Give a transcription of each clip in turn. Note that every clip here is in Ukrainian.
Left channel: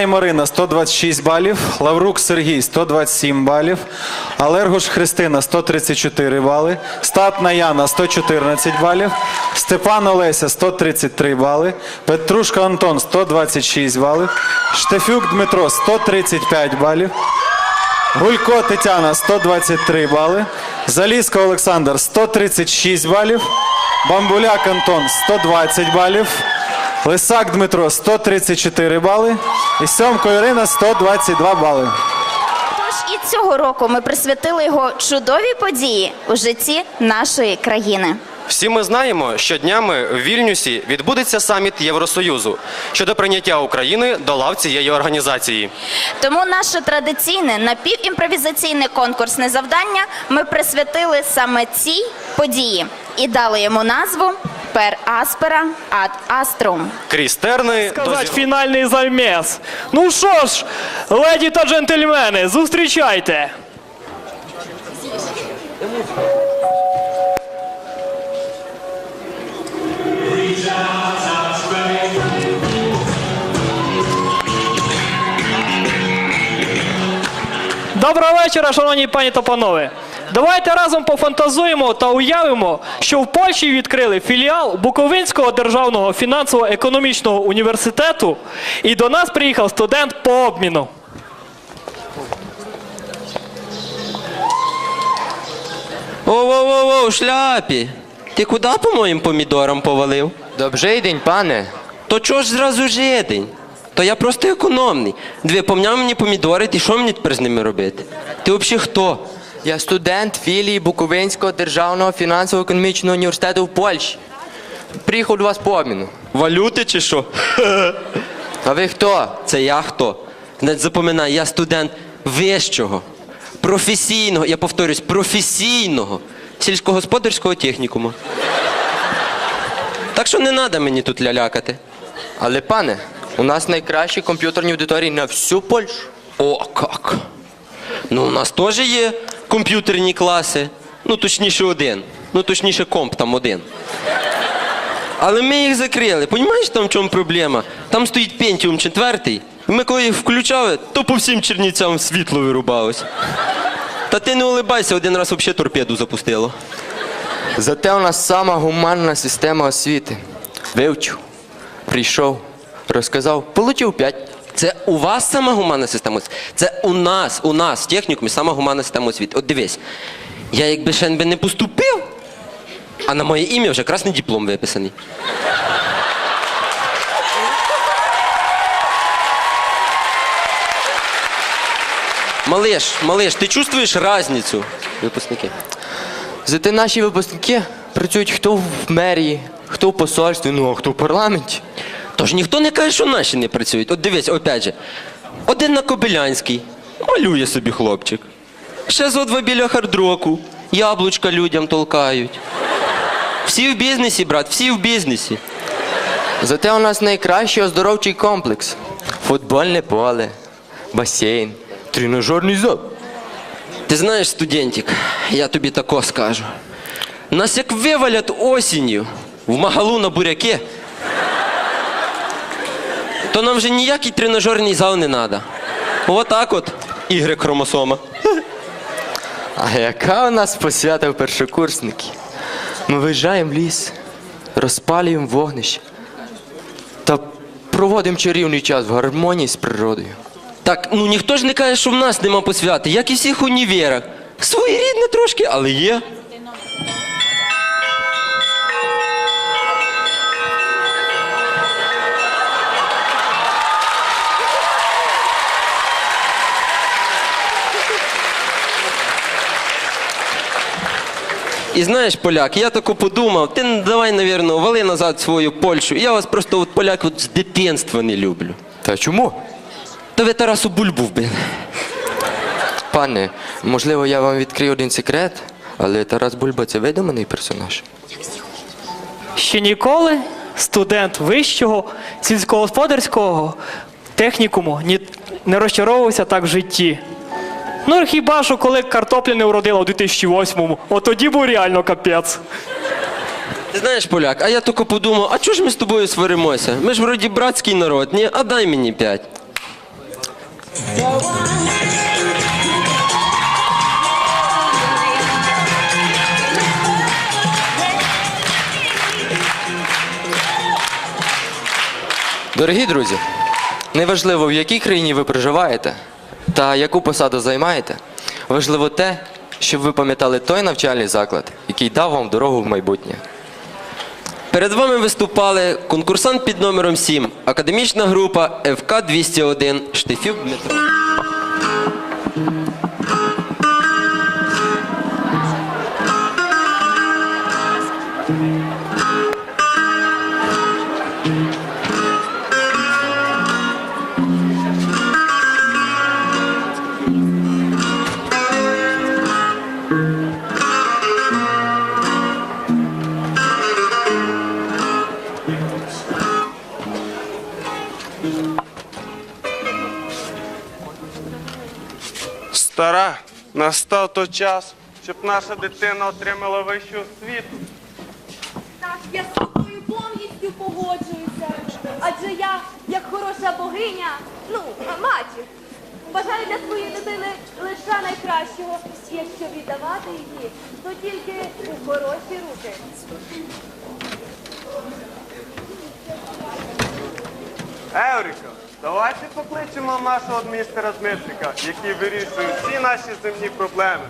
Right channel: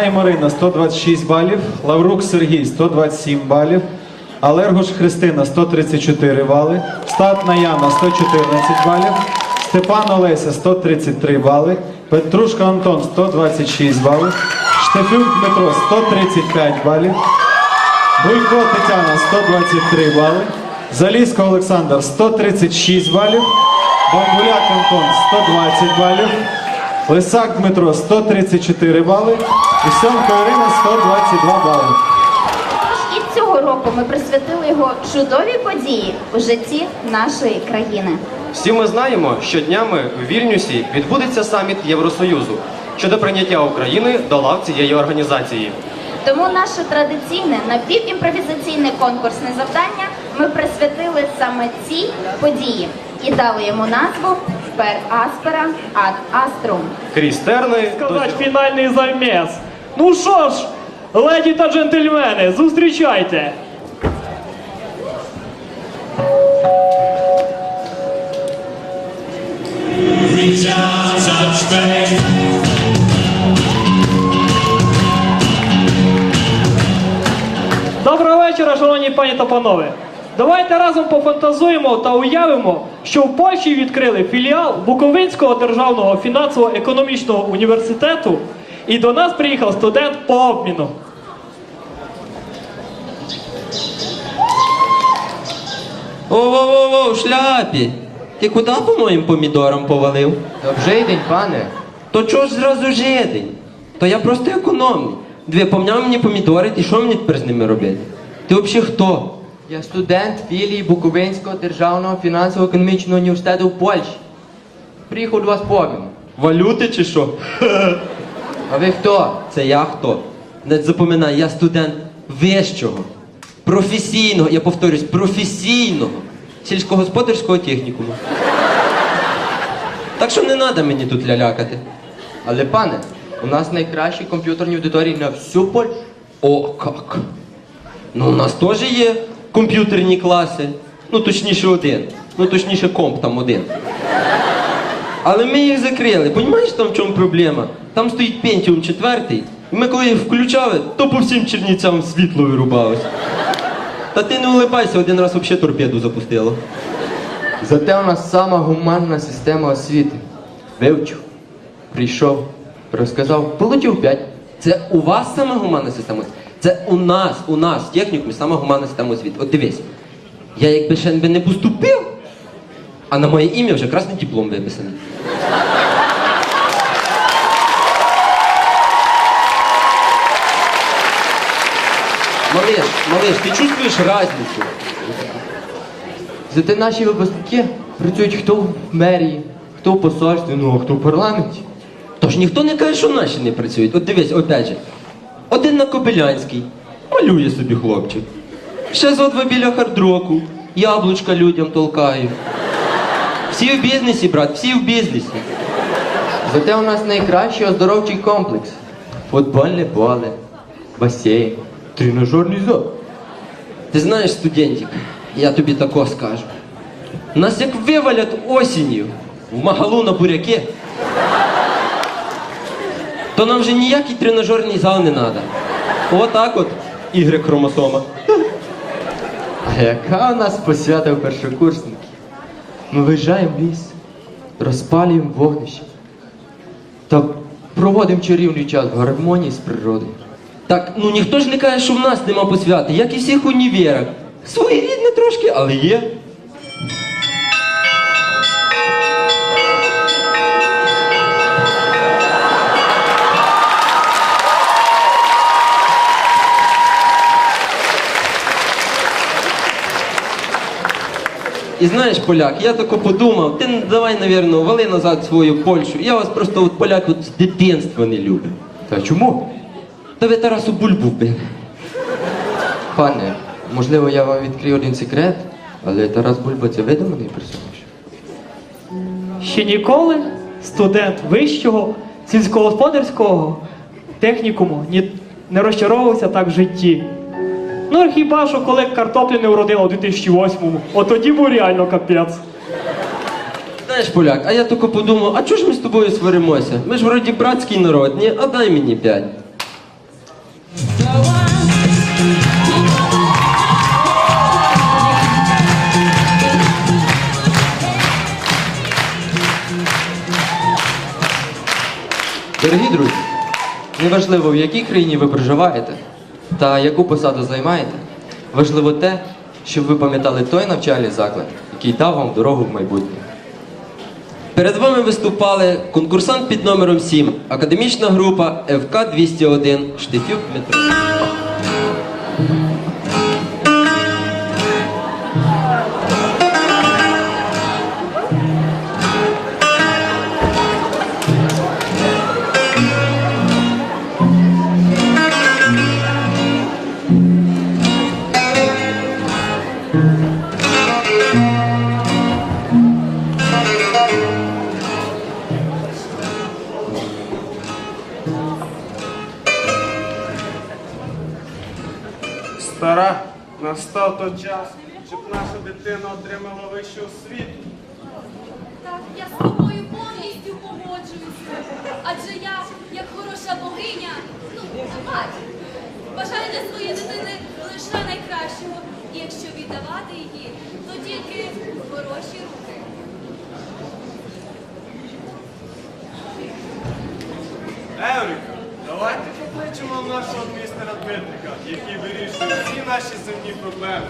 Так, Марина 126 балів, Лаврук Сергій 127 балів, Алергош Христина 134 бали, Статна Яна 114 балів, Степан Олеся 133 бали, Петрушка Антон 126 балів, Штефюк Дмитро 135 балів, Гуйко Тетяна 123 бали, Залізко Олександр 136 балів, Бамбуляк Антон 120 балів, Лисак Дмитро 134 бали і Сьомко Ірина 122 бали. І цього року ми присвятили його чудовій події у житті нашої країни. Всі ми знаємо, що днями в Вільнюсі відбудеться саміт Євросоюзу щодо прийняття України до лав цієї організації. Тому наше традиційне напівімпровізаційне конкурсне завдання ми присвятили саме цій події і дали йому назву Per Aspera ad Astrum. Крізь терни сказати фінальний заміс. Ну що ж, леді та джентльмени, зустрічайте! Доброго вечора, шановні пані та панове. Давайте разом пофантазуємо та уявимо, що в Польщі відкрили філіал Буковинського державного фінансово-економічного університету, і до нас приїхав студент по обміну. Воу-воу-воу, шляпі! Ти куди по моїм помідорам повалив? Добрий день, пане. То чого ж зразу жидень? То я просто економний. Дві помняв мені помідори, ти що мені тепер з ними робити? Ти взагалі хто? Я студент філії Буковинського державного фінансово-економічного університету в Польщі. Приїхав до вас по обміну. Валюти чи що? А ви хто? Це я хто? Значить, запам'ятай, я студент вищого, професійного, я повторюсь, професійного сільськогосподарського технікуму. Так що не треба мені тут лялякати. Але пане, у нас найкращі комп'ютерні аудиторії на всю Польщу. О, как! Ну, у нас теж є комп'ютерні класи. Ну, точніше, один. Ну, точніше, комп там один. Але ми їх закрили. Понімаєш, там в чому проблема? Там стоїть Pentium 4, і ми коли їх включали, то по всім чернівцям світло вирубалось. Та ти не улибайся, один раз взагалі торпеду запустило. Зате у нас сама гуманна система освіти. Вивчив, прийшов, розказав, полетів п'ять. Це у вас сама гуманна система освіти? Це у нас, у нас, в технікумі, сама гуманна система освіти. От дивись, я якби ще не поступив, а на моє ім'я вже красний диплом виписаний. Малиш, малиш, ти чувствуєш різницю? Випускники. Зате наші випускники працюють хто в мерії, хто в посольстві, ну а хто в парламенті. Тож ніхто не каже, що наші не працюють. От дивись, опять же, один на Кобилянській, малює собі хлопчик. Ще зо два біля хардроку, яблучка людям толкають. Всі в бізнесі, брат, всі в бізнесі. Зате у нас найкращий оздоровчий комплекс. Футбольне поле, басейн, тренажерний зал. Ти знаєш, студентик, я тобі тако скажу. Нас як вивалять осінню в магалу на буряки, то нам вже ніякий тренажерний зал не треба. Отак от, ігри хромосома. А яка у нас посвята в першокурсники? Ми виїжджаємо в ліс, розпалюємо вогнище та проводимо чарівний час в гармонії з природою. Так ну ніхто ж не каже, що в нас нема посвяти, як і всіх універах. Своєрідне трошки, але є. І знаєш, поляк, я тако подумав, ти давай, навірно, вали назад свою Польщу. Я вас просто от, поляк от, з дитинства не люблю. Та чому? Та ви Тарасу Бульбу, блін. Пане, можливо, я вам відкрию один секрет, але Тарас Бульба це видуманий персонаж. Ще ніколи студент вищого сільськогосподарського технікуму ні, не розчаровувався так в житті. Ну хіба що коли картоплі не вродило у 2008-му, от тоді був реально капець. Знаєш, поляк, а я тільки подумав, а чого ж ми з тобою сваримося? Ми ж вроді братський народ, ні? А дай мені п'ять. Дорогі друзі, неважливо в якій країні ви проживаєте та яку посаду займаєте, важливо те, щоб ви пам'ятали той навчальний заклад, який дав вам дорогу в майбутнє. Перед вами виступали конкурсант під номером 7, академічна група ФК 201 Штифюк той час, щоб наша дитина отримала вищу освіту. Так, я з тобою повністю погоджуюся. Адже я, як хороша богиня, ну, мать, бажаю для своєї дитини лише найкращого. І якщо віддавати її, то тільки у хороші руки. Евріка, давайте покличемо нашого містера Дмитрика, який вирішує всі наші земні проблеми.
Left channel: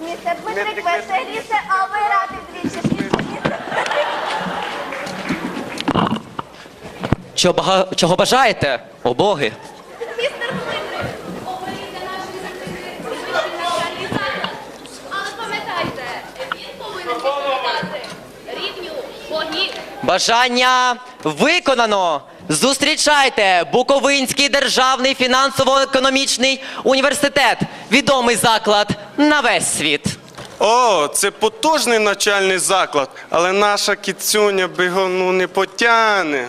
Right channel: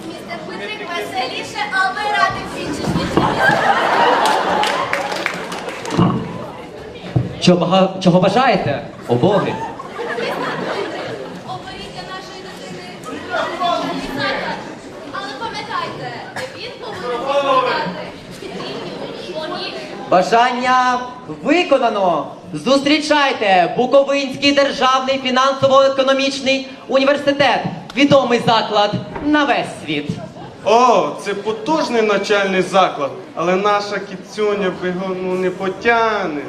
Містер Дмитрик веселіше, а ми раді більше Чого, чого бажаєте? О боги. Містер Петрик, оберіть для нашої дитини спеціальний заклад. Але пам'ятайте, він повинен відповідати рівню вогні. Бажання виконано! Зустрічайте Буковинський державний фінансово-економічний університет. Відомий заклад на весь світ. О, це потужний навчальний заклад, але наша кіцюня би його ну, не потягне.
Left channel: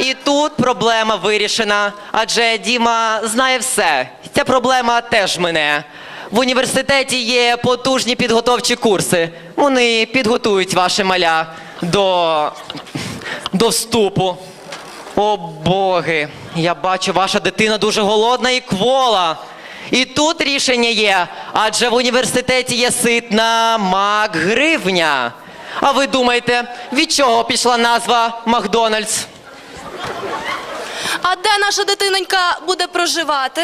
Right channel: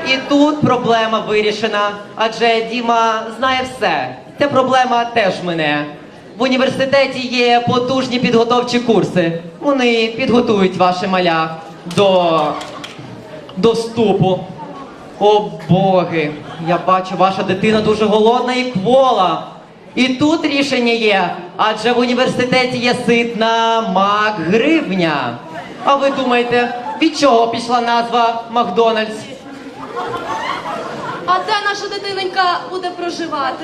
І тут проблема вирішена, адже Діма знає все. Ця проблема теж мене. В університеті є потужні підготовчі курси. Вони підготують ваше маля до, до вступу. О боги, я бачу, ваша дитина дуже голодна і квола. І тут рішення є, адже в університеті є ситна Макгривня. А ви думаєте, від чого пішла назва Макдональдс? А де наша дитинонька буде проживати?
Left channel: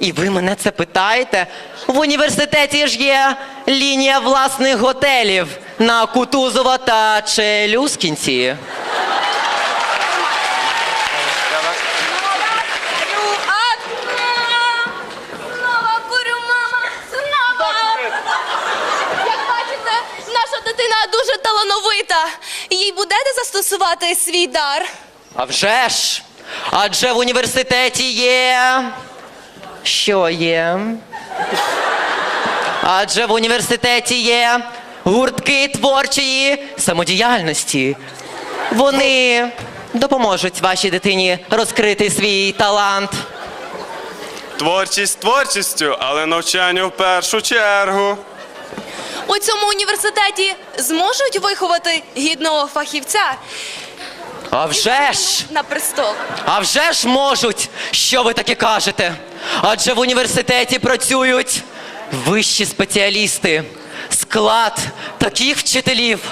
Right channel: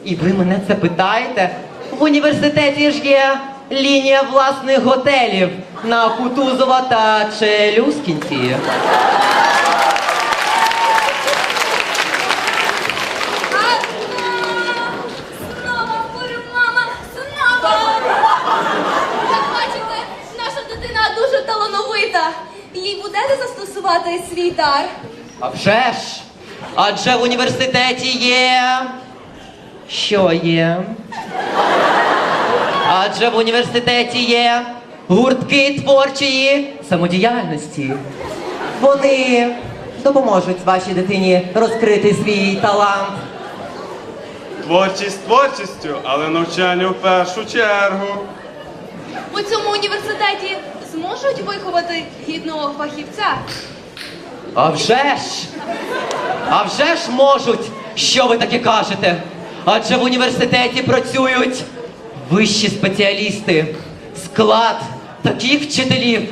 І ви мене це питаєте? В університеті ж є лінія власних готелів на Кутузова та Челюскінці. Застосувати свій дар? А вже ж! Адже в університеті є. Що є? Адже в університеті є гуртки творчої самодіяльності. Вони допоможуть вашій дитині розкрити свій талант. Творчість творчістю, але навчання в першу чергу. У цьому університеті зможуть виховати гідного фахівця А вже ж! на престол. А вже ж можуть, що ви таке кажете? Адже в університеті працюють вищі спеціалісти, склад таких вчителів.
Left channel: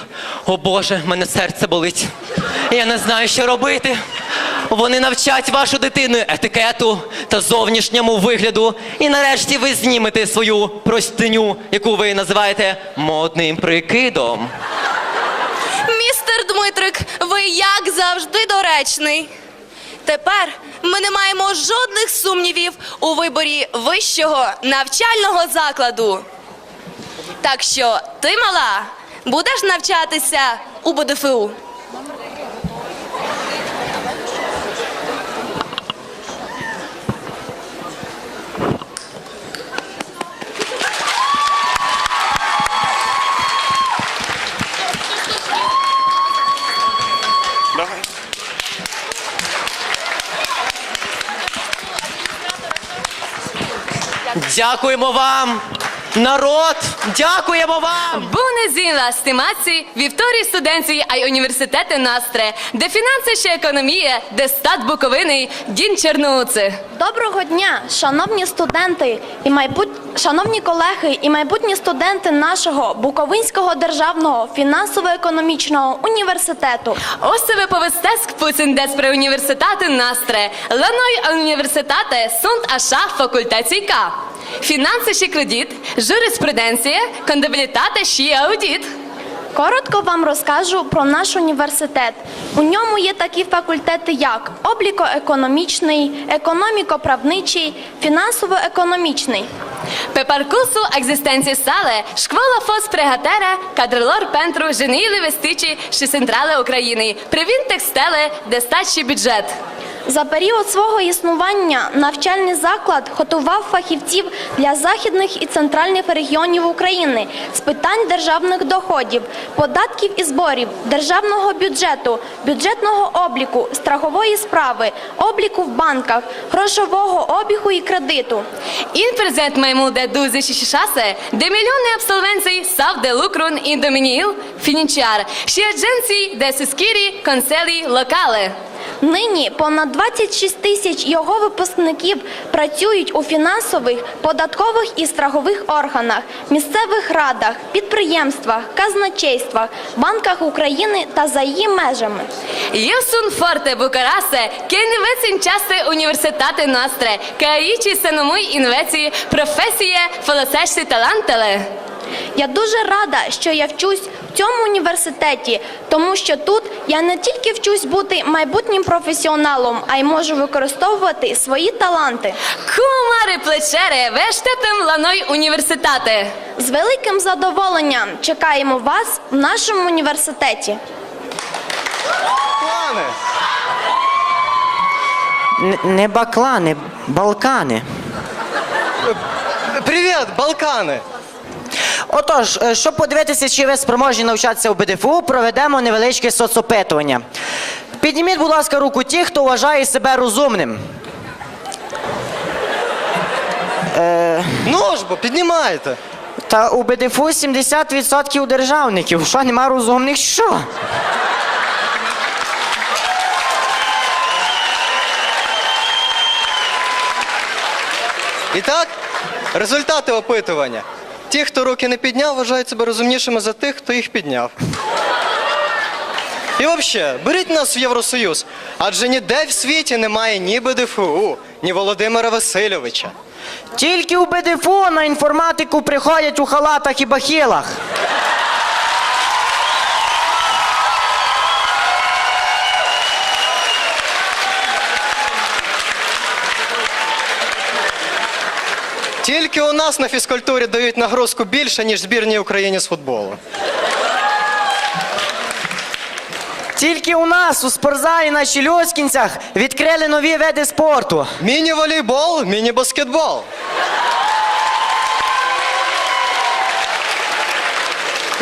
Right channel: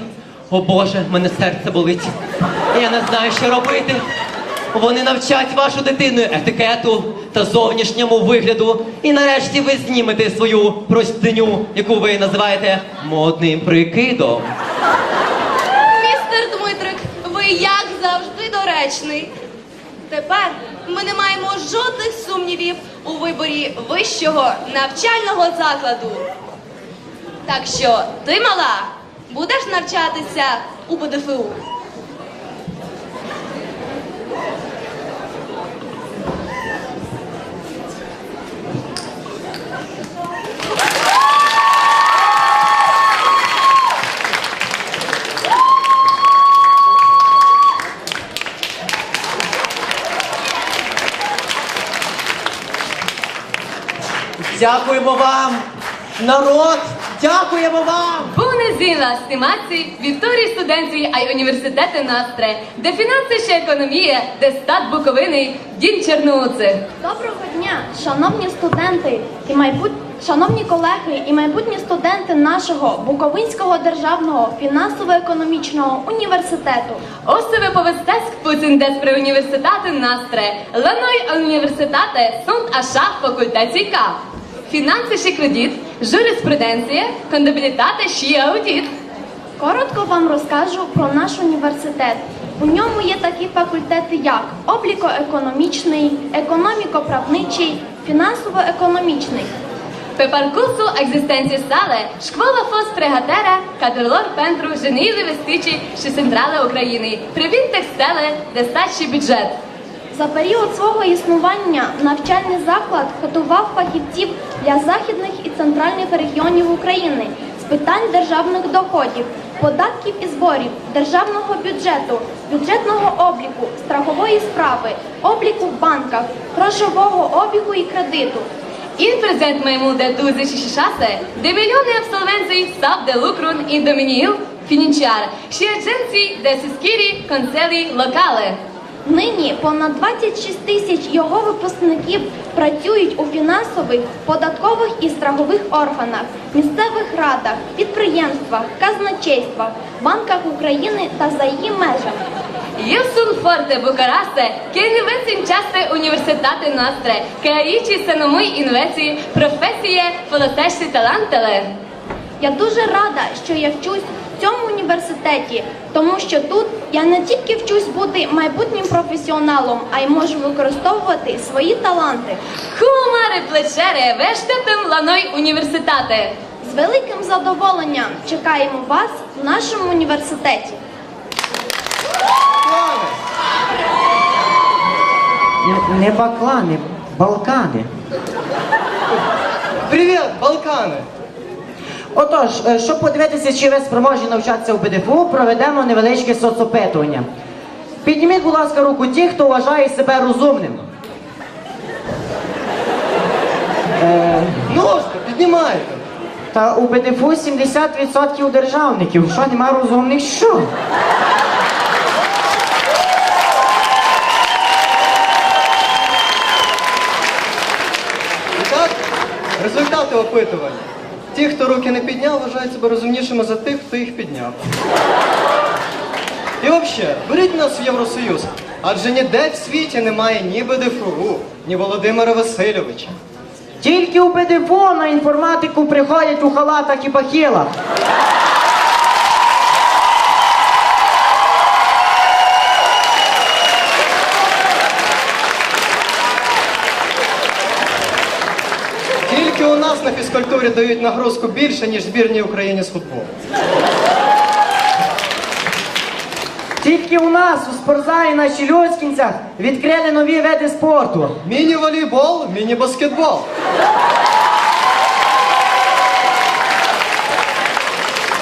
О Боже, мене серце болить. Я не знаю, що робити. Вони навчать вашу дитину етикету та зовнішньому вигляду. І нарешті ви знімете свою простиню, яку ви називаєте модним прикидом. Містер Дмитрик, ви як завжди доречний. Тепер ми не маємо жодних сумнівів у виборі вищого навчального закладу. Так що ти, мала, будеш навчатися у БДФУ. Дякуємо вам, народ! Дякуємо вам! Був не zina, stimați, viitorii studenții ai Universității noastre, de finanțe și economie de stat Bucovini. Доброго дня, шановні студенти і майбут... шановні колеги і майбутні студенти нашого Буковинського державного фінансово-економічного університету. Ось ви повестеск пуцин despre Universitatea noastră. La noi în universitate sunt Finanțe și credit, jurisprudenție, contabilitate și audit. Коротко вам розкажу про наш університет. У ньому є такі факультети, як обліко-економічний, економіко-правничий, фінансово-економічний. Sale, școala a fost pregătirea cadrelor pentru geniile vesticii și centrale Ucrainei, privind textele de stat și buget. За період свого існування навчальний заклад готував фахівців для західних і центральних регіонів України з питань державних доходів, податків і зборів, державного бюджету, бюджетного обліку, страхової справи, обліку в банках, грошового обігу і кредиту. Mai mult de 26 de milioane absolvenții sau de lucru în domeniul financiar și agenții de susținere conselii locale. Нині понад 26 тисяч його випускників працюють у фінансових, податкових і страхових органах, місцевих радах, підприємствах, казначействах, банках України та за її межами. În această universitate noastră, că aici să nu mai înveți profesie folosește talentele. Я дуже рада, що я вчусь в цьому університеті, тому що тут я не тільки вчусь бути майбутнім професіоналом, а й можу використовувати свої таланти. Vă așteptăm la noi universitate! З великим задоволенням чекаємо вас в нашому університеті. Не баклани, балкани. Привіт, Балкани! Отож, е, щоб подивитися, чи ви спроможні навчатися у БДФУ, проведемо невеличке соцопитування. Підніміть, будь ласка, руку ті, хто вважає себе розумним. Ну ж бо, піднімайте! Та у БДФУ 70% державників. Що нема розумних, що? І так, результати опитування. Ті, хто руки не підняв, вважають себе розумнішими за тих, хто їх підняв. І взагалі, беріть нас в Євросоюз, адже ніде в світі немає ні БДФУ, ні Володимира Васильовича. Тільки у БДФУ на інформатику приходять у халатах і бахілах. Тільки у нас на фізкультурі дають нагрузку більше, ніж збірній Україні з футболу. Тільки у нас у спортзалі на Щелюскінцях відкрили нові види спорту. Міні-волейбол, міні-баскетбол.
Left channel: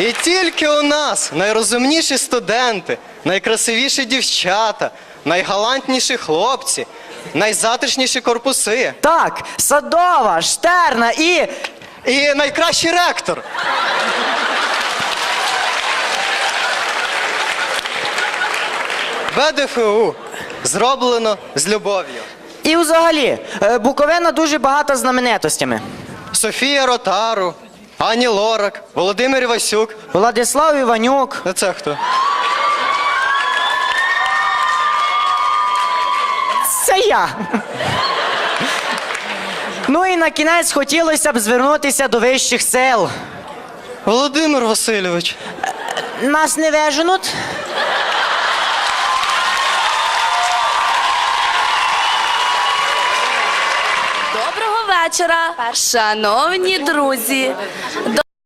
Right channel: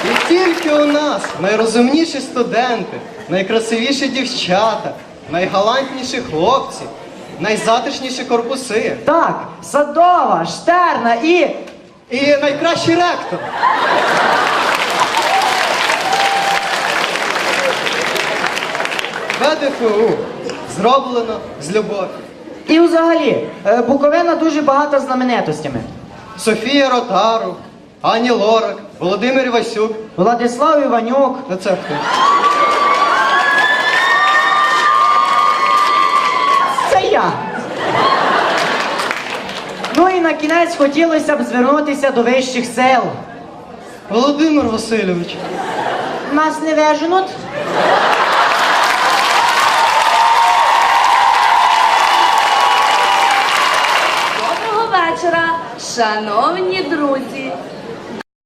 І тільки у нас найрозумніші студенти, найкрасивіші дівчата, найгалантніші хлопці, найзатишніші корпуси Так, Садова, Штерна і. І найкращий ректор. ВДФУ зроблено з любов'ю. І взагалі, е, Буковина дуже багата знаменитостями. Софія Ротару, Ані Лорак, Володимир Васюк. Владислав Іванюк. А це хто? На кінець хотілося б звернутися до вищих сил. Володимир Васильович. Нас не виженуть. Доброго вечора, шановні друзі!